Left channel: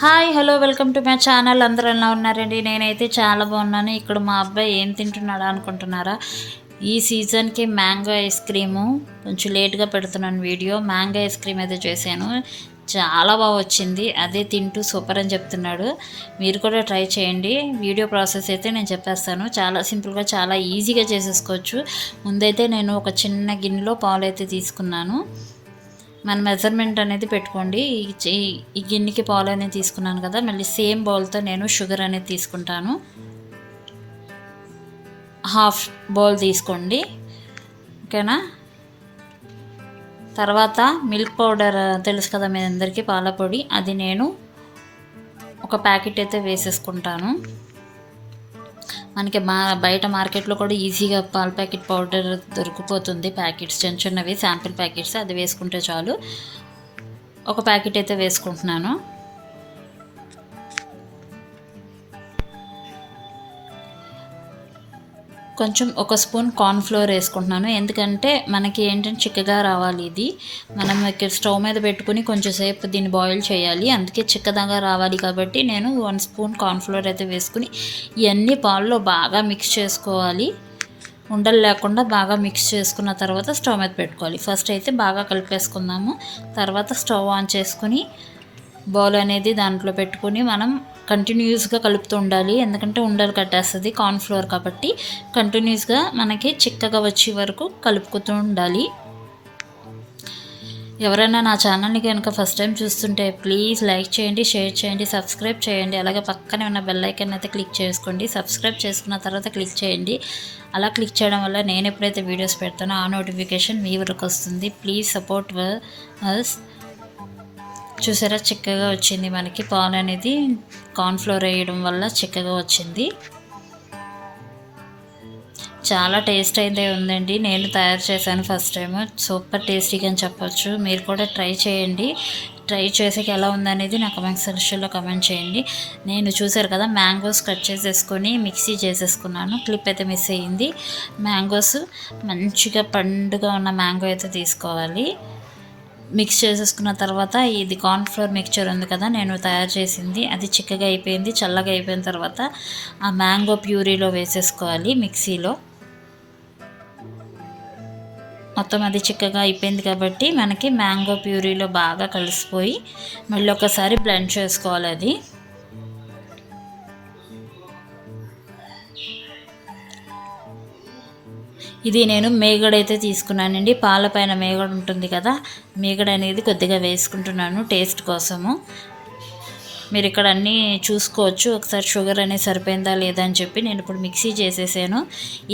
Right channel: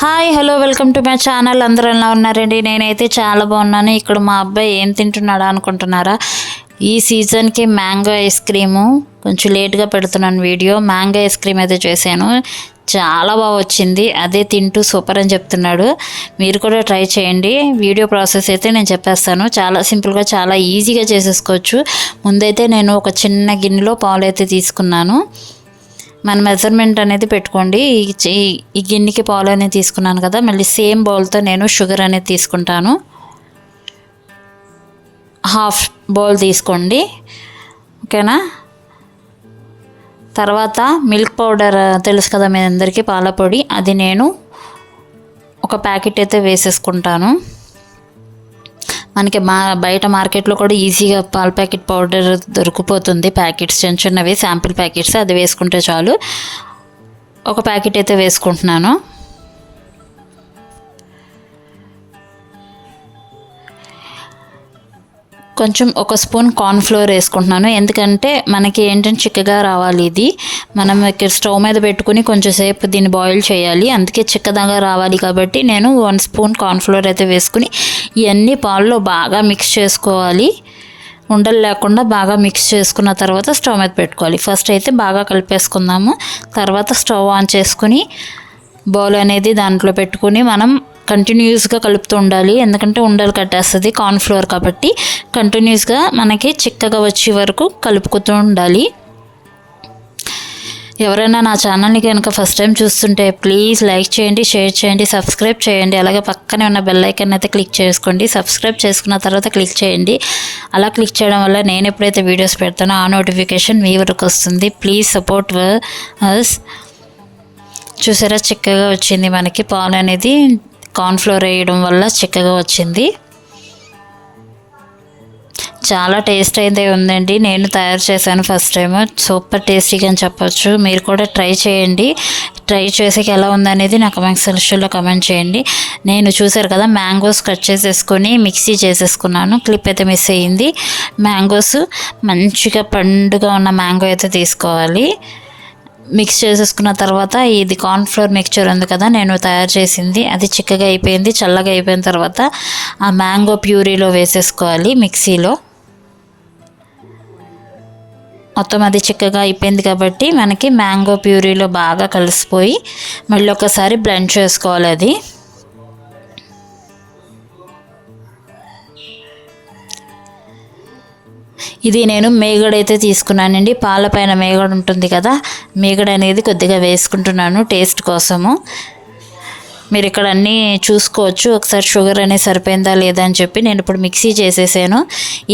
Hi hello welcome to my channel. అందరూ ఎలా ఉన్నారండి? నేనైతే చాలా బాగున్నాను. ఇక్కడ మా అబ్బాయి ఏం తింటున్నాడా అనుకుంటున్నారా? ఈ సీజన్కి మ్యాంగో ఐస్ క్రీము కొంచెం లేట్గా పెడుతున్నాను వీడియో. మ్యాంగో ఐస్ క్రీమ్ అయితే చేశాను, చాలా బాగా వచ్చింది. అదే తింటూ సూపర్ అని చెప్తున్నాడు. మీరు కూడా ట్రై చేయండి. వీడియో ప్రాసెస్ అయితే నేను చెప్పేస్తాను. చాలా సింపుల్గా చాలా ఈజీగా చేసేసుకోవచ్చు. ముందైతే నేను ఒక చిన్న గిన్నెలో పాలు అయితే తీసుకున్నాను. మన మెజర్మెంట్ అనేది పెట్టుకోండి. ఈ గిన్నెకి పాలు అనేది తీసుకున్నాను కదా, మళ్ళీ సేమ్ బౌల్తో నేను షుగర్ అనేది తీసుకుంటాను. హాఫ్ బౌల్ తీసుకోండి, ఓకేనా. తర్వాత మిల్క్ పౌడర్ తెలుసు కదా మీ అందరికీ, పాల పొడి, అది నేను ఒక ప్యాకెట్ అయితే వేసేసుకుంటాను. మనకి బయట మార్కెట్లో కూడా ఈజీగా పాల ప్యాకెట్ పౌడర్ దొరికిపోతుంది. ప్యాకెట్స్ చిన్న చిన్నవి శాంపిల్ ప్యాకెట్స్, అది వేసుకుంటే చాలు. ఒక ప్యాకెట్ అయితే వేసుకుంటున్నాను. కొంచెం ఒక స్పూన్ కార్న్ఫ్లోర్ వేసుకుంటున్నాను, ఎందుకంటే మనకి ఏంటంటే చిక్కగా రావాలి. ఇది మనం ఇక్కడ స్టవ్ మీద పెట్టుకుని కొంచెం సేపు దీన్ని బాయిల్ చేయాలి, అందుకే చిక్కదాగా రావాలి. కాబట్టి నేను 1 స్పూన్ కార్న్ఫ్లోర్ అయితే వేసుకుని ఇవన్నీ పాలలో బాగా మిక్స్ చేసుకోవాలి. ఉండలు లేకుండా బాగా మిక్స్ చేసుకున్న తర్వాత స్టవ్ మీద పెట్టుకోవాలి. ఫస్ట్ అయితే బాగా కలిపేసుకుందాము. తర్వాత స్టవ్ ఆన్ చేసుకుని బౌల్ అనేది దాంట్లో పెట్టుకుని మనం కంటిన్యూస్గా కలుపుతూ ఉండాలి, ఎందుకంటే ఉండలు కట్టేస్తుంది కార్న్ఫ్లోర్ కాబట్టి. కంటిన్యూస్గా మనకి చిక్కగా వచ్చే వరకు కలుపుతూ ఉండాలి. ఎవరైనా నా ఛానల్ని కనుక ఫస్ట్ టైం చూస్తుంటే ప్లీజ్ లైక్ చేయండి, షేర్ చేయండి, సబ్స్క్రైబ్ చేయండి. అలాగే పక్కనే ఉన్న బెల్ ఐకాన్ అయితే క్లిక్ చేసుకోండి. సబ్స్క్రైబ్ చేసుకున్న తర్వాత క్లిక్ చేయండి. అలా క్లిక్ చేయడం వల్ల నేను ఎప్పుడైతే వీడియోస్ పెడతానో ఆ నోటిఫికేషన్ మీ వరకు వస్తుంది. Please support us. చూసారా, చిక్కగా వచ్చింది మనకి పాలు అనేది. కార్న్ఫ్లోర్ వేయడం వల్ల చిక్కగా వచ్చింది. చాలా టేస్ట్ అయితే ఉందండి. నేను తయారు చేశాను ఫస్ట్ టైం, సూపర్ టేస్టీగా అని చెప్పొచ్చు. మీరు కూడా ట్రై చేయండి. ట్రై చేసాక ఎలా ఉందనేది నా కమెంట్ సెక్షన్లో కమెంట్ చేయండి. నేను చూసారు కదా, మ్యాంగోస్ కట్ చేసేసుకొని మిక్సీ చేసేసుకున్నాను. క్లిప్ అయితే మిస్ అయ్యింది. మ్యాంగోస్ మంచిగా పండుగా ఉన్న మ్యాంగో అయితే తీసుకోవాలి. మిక్స్ చేసేసుకున్న తర్వాత ఇది కార్న్ఫ్లోర్ మిక్చర్ ఉంది కదా నేను తయారు చేసింది, అది చిక్కగా అయిపోయింది. చల్లగా అయిపోయిన తర్వాత ఆ మ్యాంగో ప్యూరీలో వేసేసుకోవాలి. మిక్సీలో మొత్తం అది చిక్కగా అయిపోయింది కాబట్టి మనకి మ్యాంగో ప్యూరీలో బాగా కలిసిపోయి మళ్ళీ ఒకసారి బ్లెండ్ చేసుకోవాలి. అది ఇది నేను మేగడ అయితే తీసుకున్నానండి. పాలపైన మేగడ ఉంటుంది కదా, మేగడ అనేది కొద్దిగా వేసుకుంటున్నాను టేస్ట్ కోసము. మీరు ఇక్కడ అన్నీ చూసుకోవచ్చు. ఒకసారి షుగర్ అనేది సరిపోయిందా లేదా అని చెప్పి నేను ఇప్పుడు మిక్సీ చేసేసాను.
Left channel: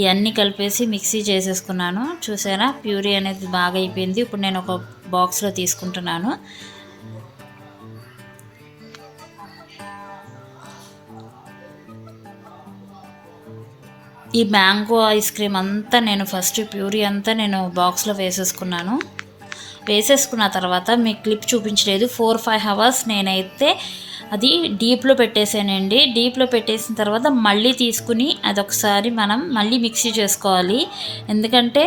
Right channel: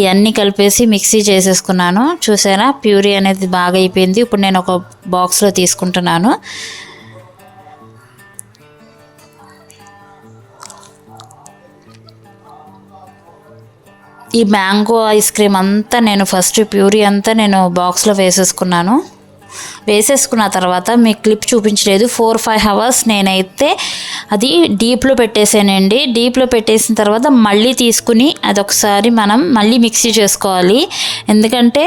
ఇవన్నీ కలిపేసి మిక్సీ చేసేసుకున్నాను. చూసారా, ప్యూరీ అనేది బాగా అయిపోయింది. ఇప్పుడు నేను ఒక బాక్స్లో తీసుకుంటున్నాను. ఈ మ్యాంగో ఐస్ క్రీమ్ అంతా నేను ఫస్ట్ ప్యూరీ అంతా నేను బాక్స్లో వేసేసుకున్నాను. వేసేసుకున్న తర్వాత మీకు క్లిప్ చూపించలేదు, 4-5 అవర్స్ నేనైతే అది డీప్లో పెట్టేసానండి. డీప్లో పెట్టేసిన తర్వాత మళ్ళీ తీసుకుని అదొకసారి మనం మళ్ళీ మిక్సీ చేసుకోవాలి, ఎందుకంటే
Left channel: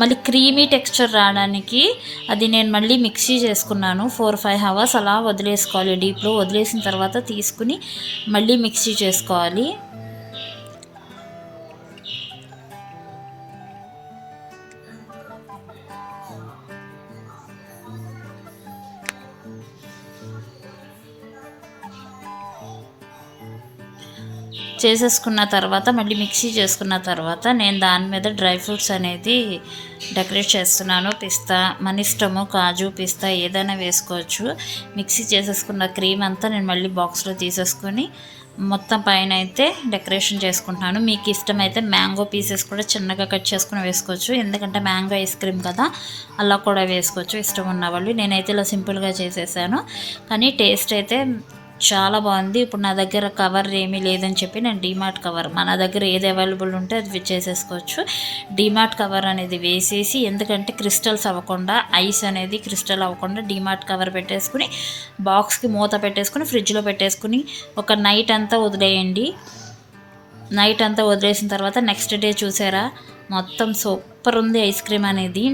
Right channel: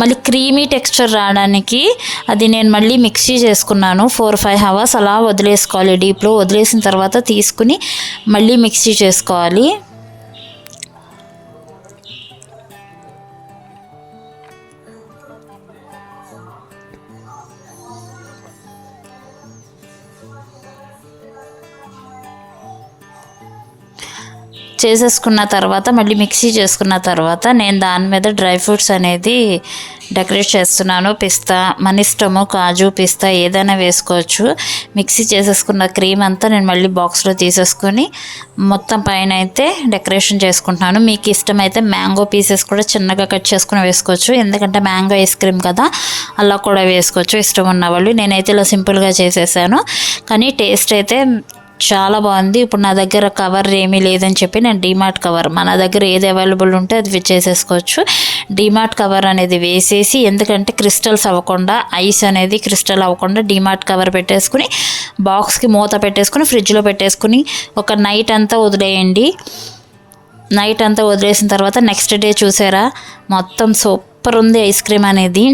మళ్ళీ క్రీమీ టెక్స్చర్ రావడానికి. అది నేను మళ్ళీ మిక్సీ చేసుకున్నాను. 4-5 అవర్స్ అలా వదిలేసుకోవాలి. డీప్లో వదిలేసిన తర్వాత తీసుకుని మళ్ళీ మిక్సీ చేసుకోవాలి. చేసేసుకున్న తర్వాత మళ్ళీ మిక్సీ చేసుకున్న తర్వాత నేను దాని మీద డ్రై ఫ్రూట్స్ అనేది డెకరేట్ చేస్తున్నాను. పిస్తా మన ఇష్టము, కాజు, పిస్తా ఏదైనా వేసుకోవచ్చు. మిక్సీ చేసేసుకున్న క్రీమ్ అంతా నేను మళ్ళీ బాక్స్లో తీసేసుకొని మొత్తం పైన అయితే డెకరేషన్ చేసుకుంటున్నాను. మీకు ఇష్టమైతే మ్యాంగో పీసెస్ కూడా చిన్నగా కట్ చేసుకుని వేసుకోవచ్చు, ఎందుకంటే మ్యాంగో ఐస్ క్రీమ్ కదా, అలా కూడా వేసుకోవచ్చు ఇష్టం ఉన్నవాళ్ళు. నేనైతే ఇలా సింపుల్గా చేసేసాను, కానీ టేస్ట్ అయితే చాలా బాగుంది. ఇప్పుడు నా దగ్గర కవర్ ఏమీ లేదని చెప్పి నేను డీమార్ట్ కవర్, మన దగ్గర ఏది అవైలబుల్ ఉంటే అది చేసేసుకోవచ్చు. డీమార్ట్ కవర్ అనేది వేసేసి, ఎందుకంటే క్రిస్టల్స్ అవ్వకుండా, ఐస్ అనేది క్రిస్టల్ అవ్వకుండా డీమార్ట్ కవర్ పెట్టేసుకుని బాక్స్కి మూత పెట్టేసుకుని ఫ్రిడ్జ్లో పెట్టేసుకుని ఒక నైట్ అంతా వదిలేయండి. నైట్ అంతా వదిలేసిన తర్వాత నెక్స్ట్ డే చూసారా, మొత్తం సూపర్ ఉంది ఐస్ క్రీమ్ అనేది.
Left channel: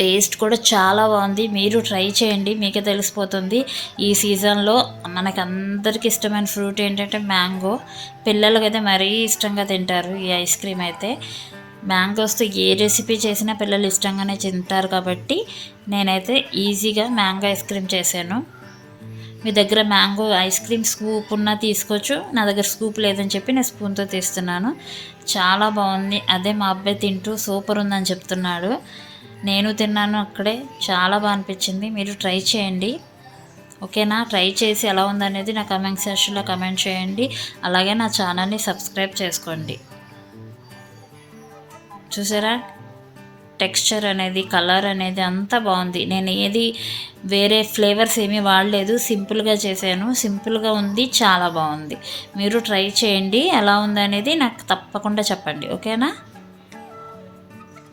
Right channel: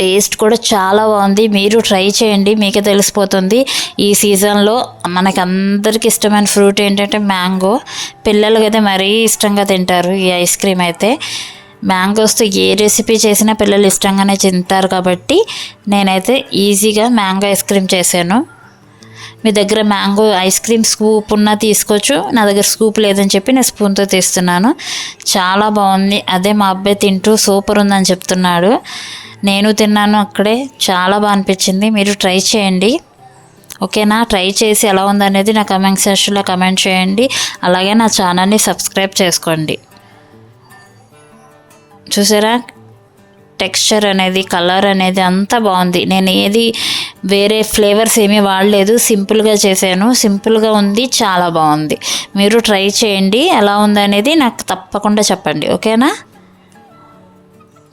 టేస్ట్ కూడా చాలా బాగుంది. మీరు ట్రై చేయండి, మీకే తెలిసిపోతుంది. ఈ సీజన్లో మనకి అందరికి ఇష్టమైన ఫ్రూట్ ఏంటంటే మ్యాంగో. పిల్లలకి అయితే మరీ ఇష్టంగా తింటారు ఈ ఐస్ క్రీమ్ అయితే. మ్యాంగోస్తో ఏ రెసిపీ చేసినా పిల్లలు ఇష్టంగానే తింటారు కాబట్టి నేనైతే ఈజీగా మ్యాంగో ఐస్ క్రీమ్ చేశాను. మీ దగ్గర మ్యాంగో ఐస్ క్రీమ్ స్కూప్ ఉన్నా తీసుకోవచ్చు. నా దగ్గర స్కూప్ లేదని చెప్పి నేను స్పూన్తో తీస్తున్నాను. చాలా బాగుంది. అదే మా అబ్బాయి తింటూ సూపర్ ఉందని చెప్తున్నాడు. నేను తిన్నాను అక్కడే, చాలా బాగా అనిపించింది. మీరు ట్రై చేయండి, ఓకేనా? ట్రై చేసి ఎలా ఉందనేది నా కమెంట్ సెక్షన్లో కమెంట్ చేయండి. అలాగే నా ఛానల్ని సబ్స్క్రైబ్ చేసుకోండి. చూసారా, టెక్స్చర్ అనేది, కలర్ అనేది అంతా బాగుంది. నేను ఏది వేరే ఫ్లేవర్స్ ఏమీ వాడలేదు, సింపుల్గా చేశాను. సింపుల్గా ఉంది, చాలా బాగుంది. మీరు ట్రై చేయండి, ఎలా ఉందనేది నాకు తప్పకుండా చెప్పండి, ఓకేనా?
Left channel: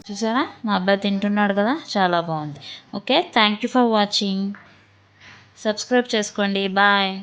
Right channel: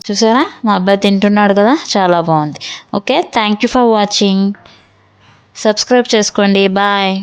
చూసారా, మా అబ్బాయి తింటున్నాడు కదా, చాలా బాగుంది. Okay, thank you for watching. Subscribe చేసుకోండి. బాయ్.